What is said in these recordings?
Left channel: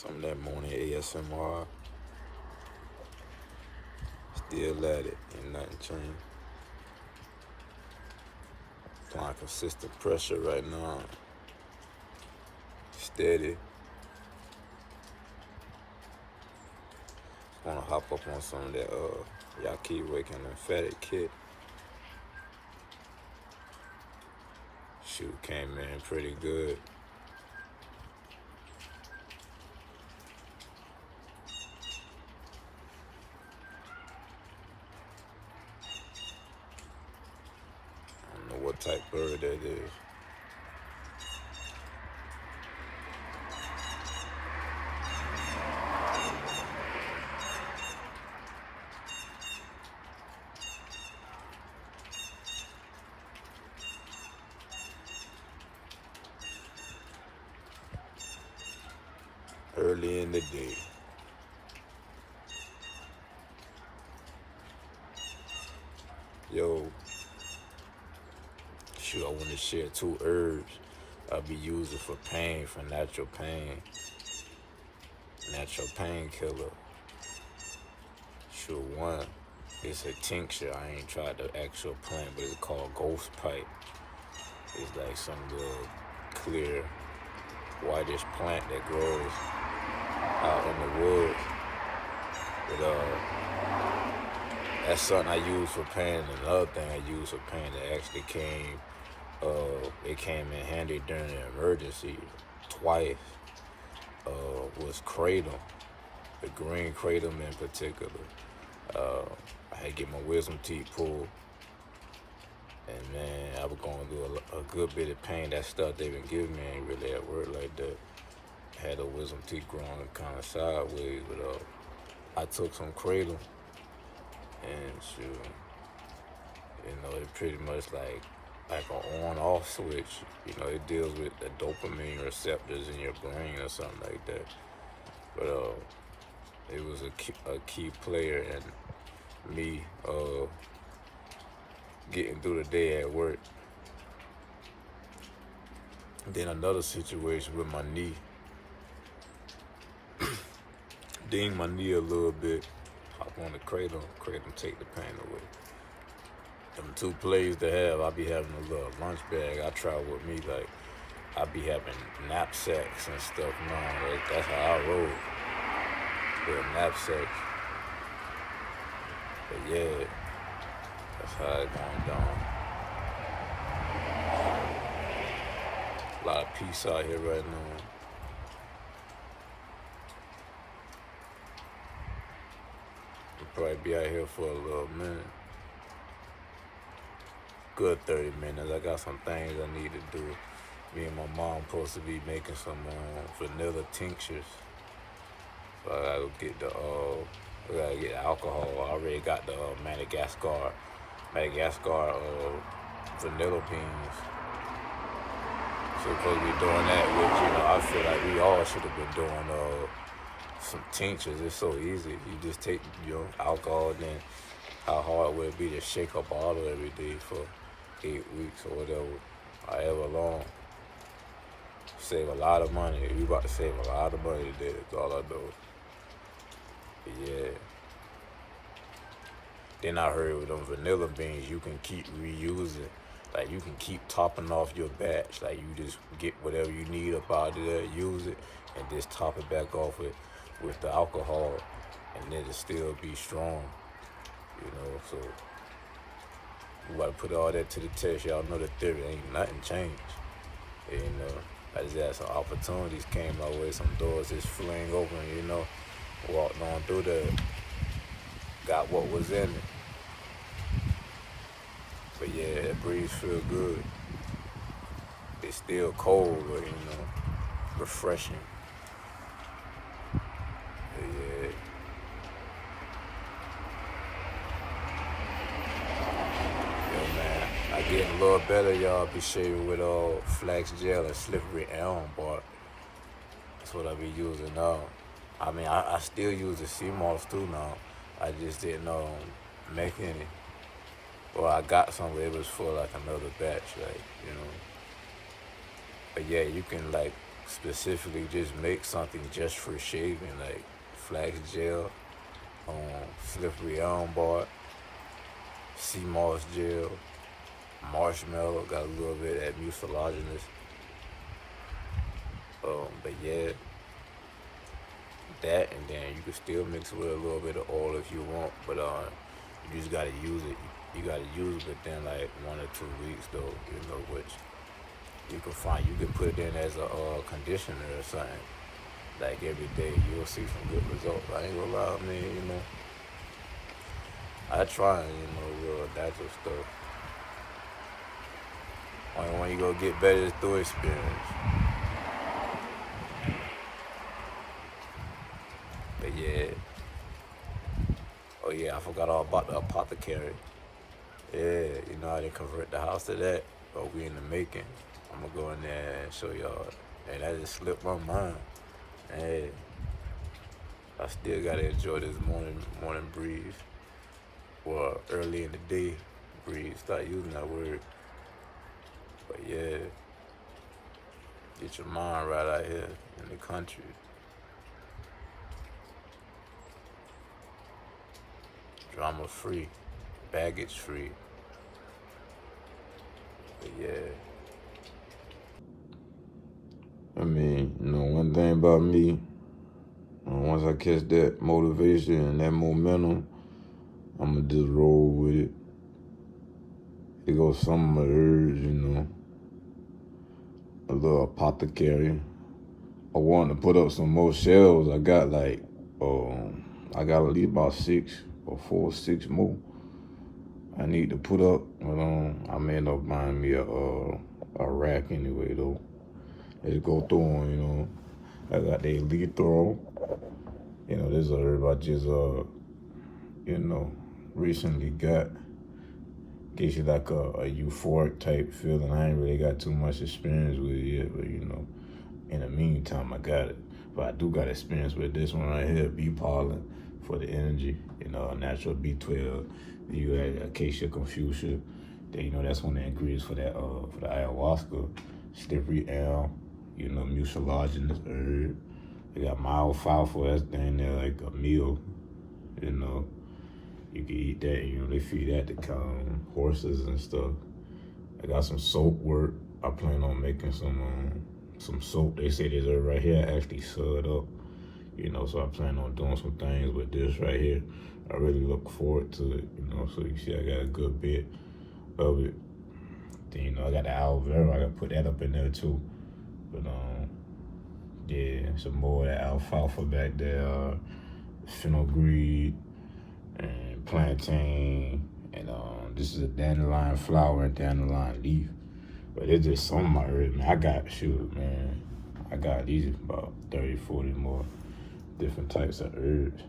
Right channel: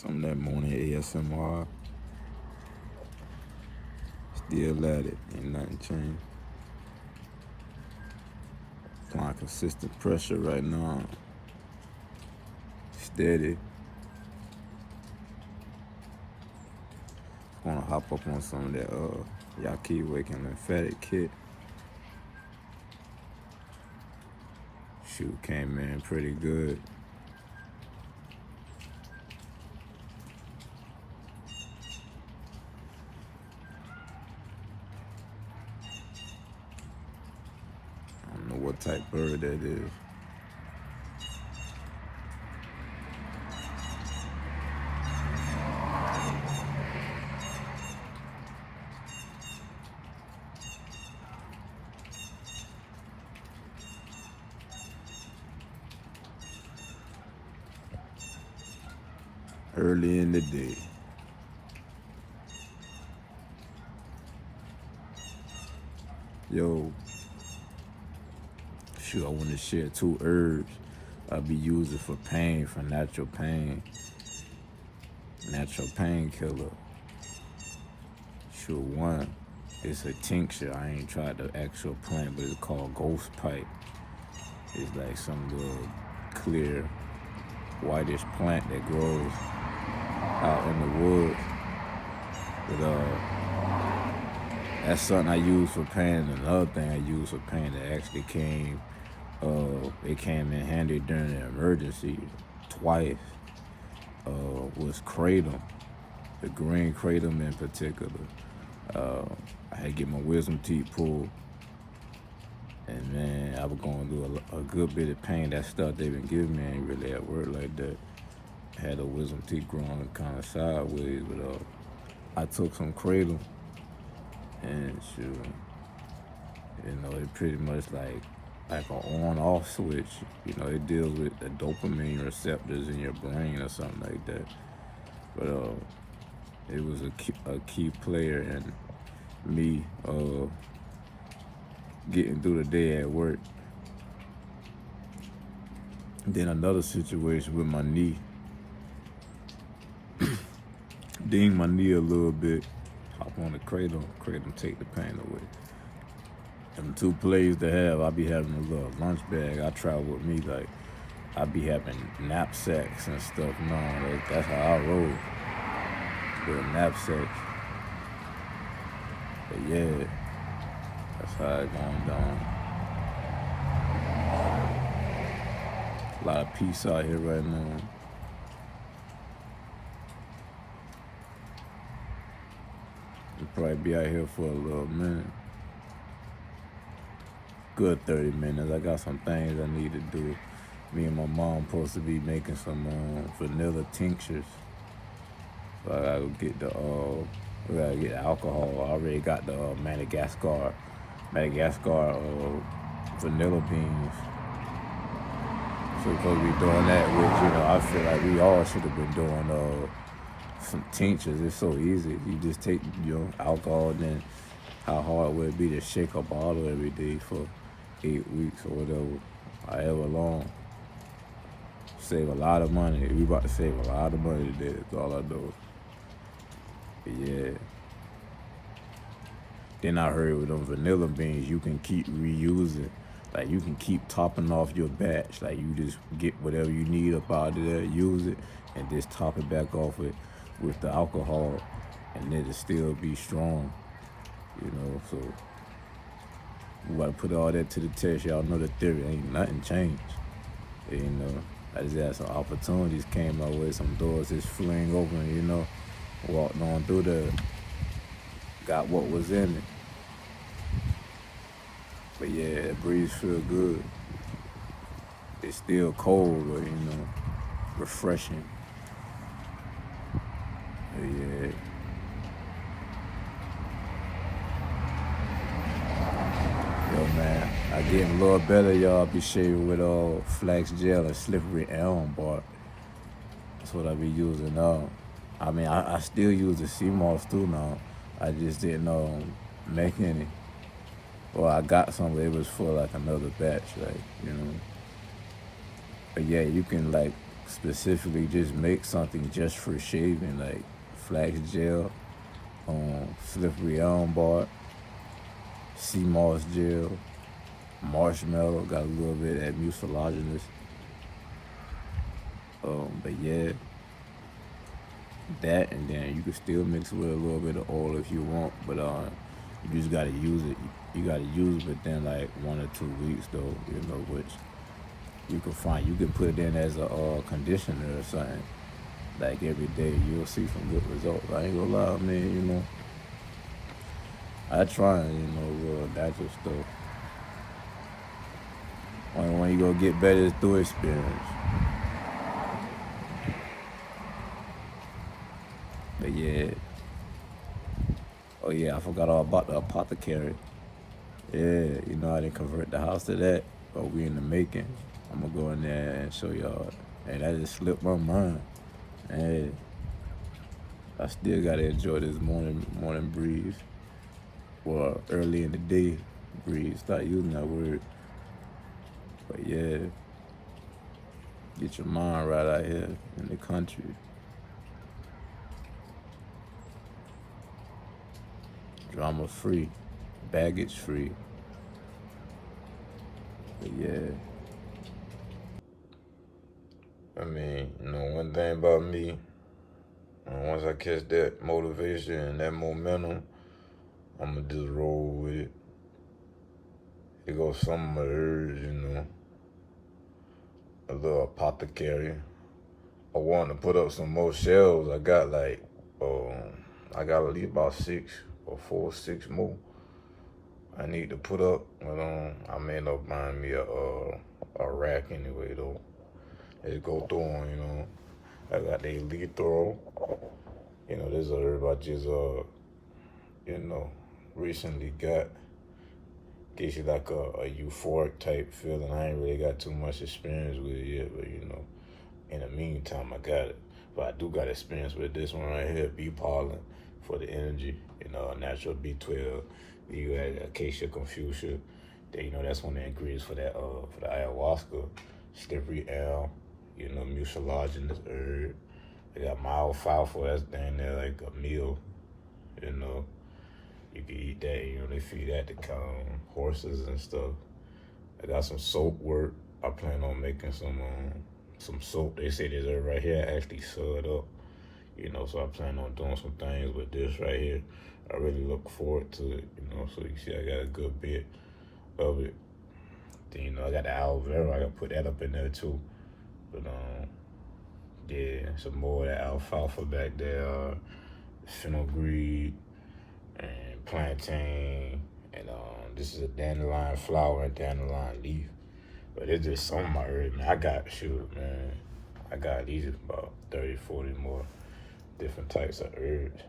Some of that morning ASMR. Still at it. Ain't nothing changed. Applying consistent pressure right now. Steady. Wanna hop up on some of that Yahki Awakened lymphatic kit. Shoot, came in pretty good. I don't know what type bird that is. Early in the day. Yo, shoot, I want to share 2 herbs I'll be using for pain, for natural pain. Natural painkiller. Shoot, one, it's a tincture. I ain't tried the actual plant, but it's called ghost pipe. It's like some little clear, whitish plant that grows out in the woods. But that's something I use for pain. Another thing I use for pain that actually came, it came in handy during the emergency twice. Was Kratom, the green Kratom in particular. I had to get my wisdom teeth pulled, and man, I was going through a good bit of pain. That stuff they been giving me ain't really at work like that. I had a wisdom teeth growing kind of sideways, but I took some Kratom, and shoot, you know, it pretty much like an on-off switch. You know, it deals with the dopamine receptors in your brain or something like that. But it was a key player in me getting through the day at work. Then another situation with my knee. Ding my knee a little bit. Hop on the Kratom take the pain away. Them 2 plays to have. I be having a little lunch bag. I travel with me, like I be having knapsacks and stuff. Man, that's how I roll. Little knapsacks. But yeah, that's how it going down. A lot of peace out here right now. I'll probably be out here for a little minute. Good 30 minutes. I got some things I need to do. Me and my mom supposed to be making some vanilla tinctures. So I gotta get we gotta get the alcohol. I already got the Madagascar vanilla beans. So we're supposed to be doing that, which, you know, I feel like we all should have been doing some tinctures. It's so easy. You just take your alcohol, and then how hard would it be to shake a bottle every day for 8 weeks or whatever, however long. Save a lot of money. We about to save a lot of money today. That's all I know. But yeah. Then I heard with them vanilla beans, you can keep reusing. Like, you can keep topping off your batch. Like, you just get whatever you need up out of there, use it, and just top it back off with the alcohol, and it'll still be strong. You know, so we gotta put all that to the test. Y'all know the theory, ain't nothing changed. You know, I just had some opportunities came my way, some doors just fling open, you know, walked on through there, got what was in it. But yeah, that breeze feel good. It's still cold, but you know, refreshing. But yeah. Yo, man, I getting a little better, y'all. Be shaving with flax gel and slippery elm bark. That's what I be using now. I mean, I still use the sea moss too now. I just didn't make any. Well, I got some, but it was for like another batch, like, you know. But yeah, you can like specifically just make something just for shaving, like flax gel, slippery elm bark, sea moss gel, marshmallow, got a little bit of that mucilaginous. But yeah, that, and then you can still mix with a little bit of oil if you want, but you just gotta use it. You gotta use it within like 1 or 2 weeks though, which you can put it in as a conditioner or something. Like every day, you'll see some good results. I ain't gonna lie, man. I try, real natural stuff. Only when you gonna get better is through experience. But yeah. Oh yeah, I forgot all about the Apothecary. Yeah, I didn't convert the house to that, but we in the making. I'm gonna go in there and show y'all. And that just slipped my mind. Hey, I still gotta enjoy this morning breeze. Well, early in the day breeze. Start using that word. But yeah, get your mind right out here in the country. Drama free, baggage free. But yeah. One thing about me, once I catch that motivation and that momentum, I'm gonna just roll with it. It goes some of my herbs, a little apothecary. I want to put up some more shelves. I got at least about 6 or 6 more I need to put up, but I may end up buying me a rack anyway though. Just go through them, I got the elite through them. This is a herb I just recently got. Gives you like a euphoric type feeling. I ain't really got too much experience with it yet, but in the meantime I got it. But I do got experience with this one right here, bee pollen for the energy, natural B12. Then you add acacia confucia. Then that's one of the ingredients for that for the ayahuasca. Slippery elm, mucilaginous herb. They got my alfalfa, that's down there like a meal, You can eat that, they feed that to horses and stuff. I got some soap work. I plan on making some soap. They say this herb right here actually sewed up, so I plan on doing some things with this right here. I really look forward to it, so you see I got a good bit of it. Then, I got the aloe vera, I gotta put that up in there too. But yeah, some more of that alfalfa back there, fenugreek, and plantain, and this is a dandelion flower and dandelion leaf. But it's just some of my herbs, man. I got these about 30, 40 more different types of herbs.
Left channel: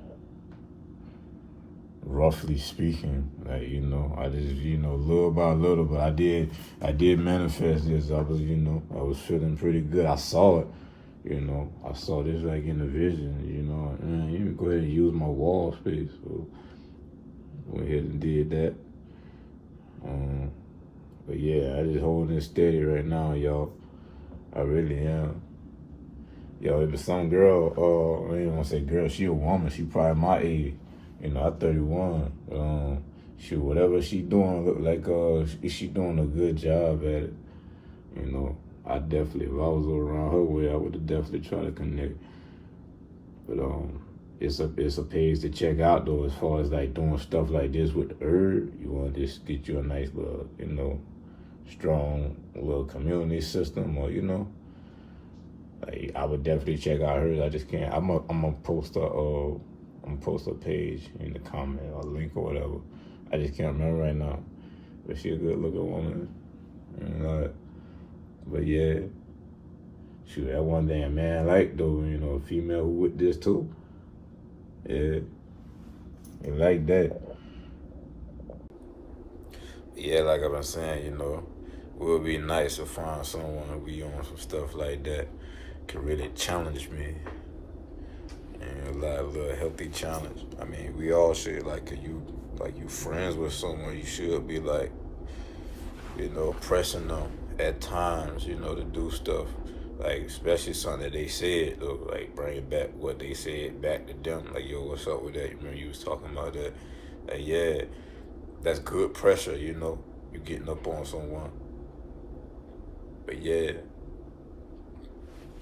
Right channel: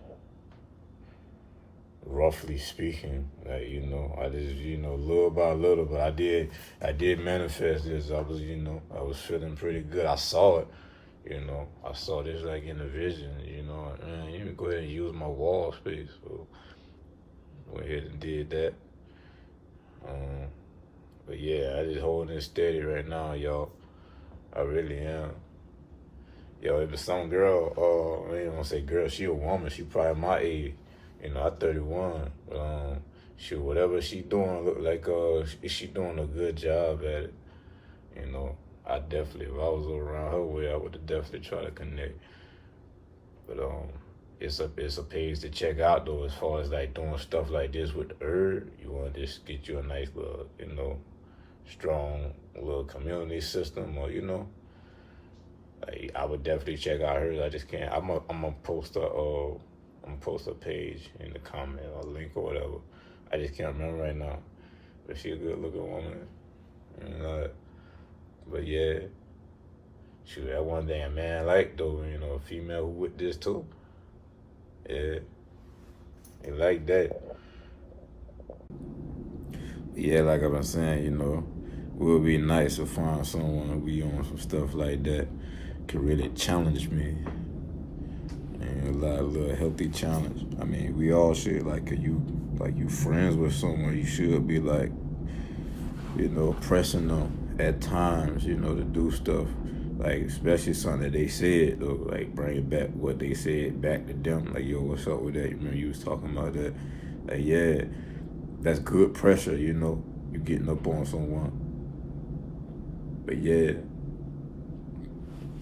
Roughly speaking, I just, little by little, but I did manifest this. I was feeling pretty good. I saw it, I saw this like in a vision, and you can go ahead and use my wall space. So went ahead and did that. But yeah, I just holding it steady right now, y'all. I really am. It was some girl, I ain't gonna say girl, she a woman, she probably my age. I'm 31. Shoot, whatever she doing, look like she doing a good job at it. I definitely, if I was around her way, I would have definitely tried to connect. But it's a page to check out though, as far as like doing stuff like this with the herb. You want to just get you a nice little, strong little community system, or like I would definitely check out hers. I just can't. I'm gonna post a page in the comment, a link or whatever. I just can't remember right now, but she a good looking woman. But yeah, shoot, that one day a man like though, a female who with this too. Yeah, they like that. Yeah, like I've been saying, it would be nice to find someone we on some stuff like that could really challenge me. And a little healthy challenge. We all should, you friends with someone, you should be like, pressing them at times, to do stuff. Like, especially something that they said, though, like, bring back what they said back to them. Like, yo, what's up with that? You know, you was talking about that. Like, yeah, that's good pressure, you know, you getting up on someone. But yeah,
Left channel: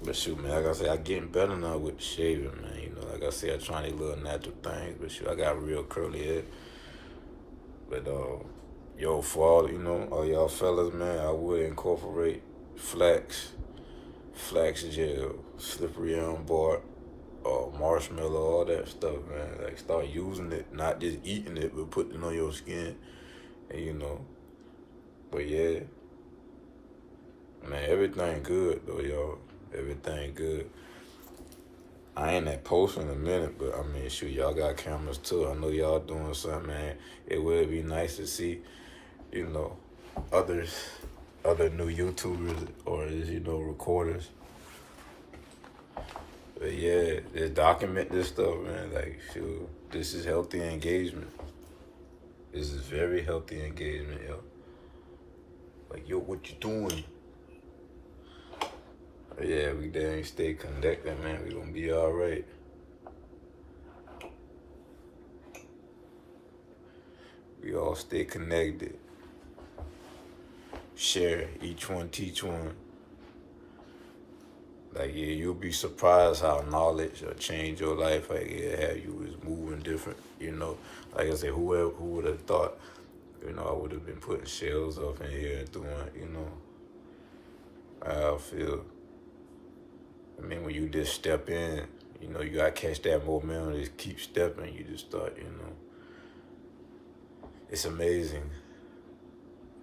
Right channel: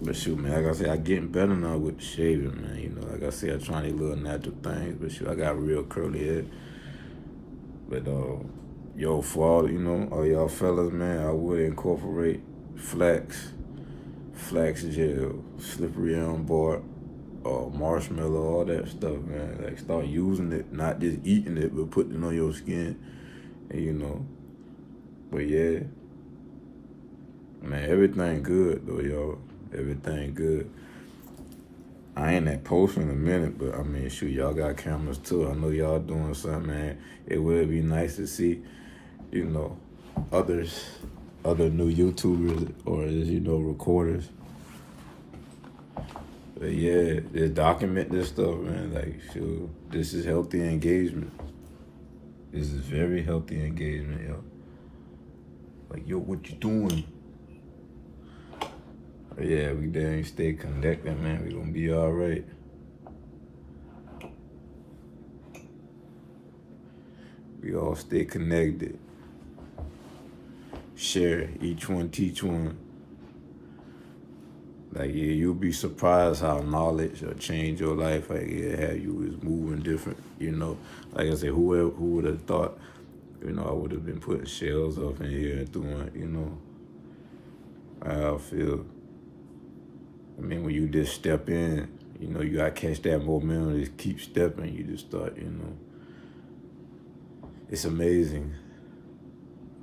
but shoot, man, like I said, I getting better now with the shaving, man. You know, like I said, I trying these little natural things, but shoot, I got real curly head. But yo, for all, you know, all y'all fellas, man, I would incorporate flax gel, slippery elm bark, marshmallow, all that stuff, man. Like, start using it, not just eating it, but putting it on your skin, and you know. But yeah, man, everything good though, yo. Everything good. I ain't that post in a minute, but I mean, shoot, y'all got cameras too. I know y'all doing something, man. It would be nice to see, you know, other new YouTubers or, you know, recorders. But yeah, just document this stuff, man. Like, shoot, this is healthy engagement. This is very healthy engagement, yo. Like, yo, what you doing? But yeah, we dang stay connected, man. We gonna be all right. We all stay connected. Share, each one teach one. Like, yeah, you'll be surprised how knowledge will change your life. Like, yeah, how you was moving different, you know. Like I said, who would have thought, you know, I would have been putting shells up in here doing, you know, how I feel. I mean, when you just step in, you know, you gotta catch that momentum, just keep stepping, you just start, you know. It's amazing.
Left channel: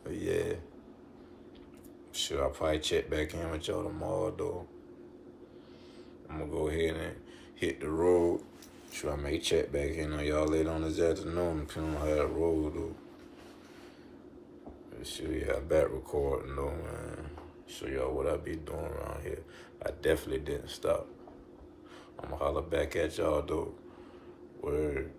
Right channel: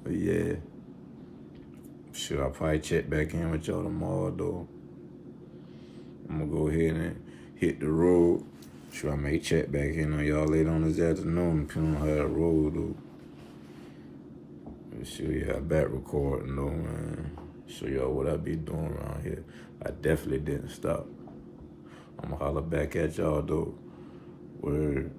But yeah, should I probably check back in with y'all tomorrow, though? I'm gonna go ahead and hit the road. Sure, I may check back in on y'all later on this afternoon, depending on how that road, though. Show y'all back recording, though, man. Show y'all what I be doing around here. I definitely didn't stop. I'm gonna holler back at y'all, though. Word.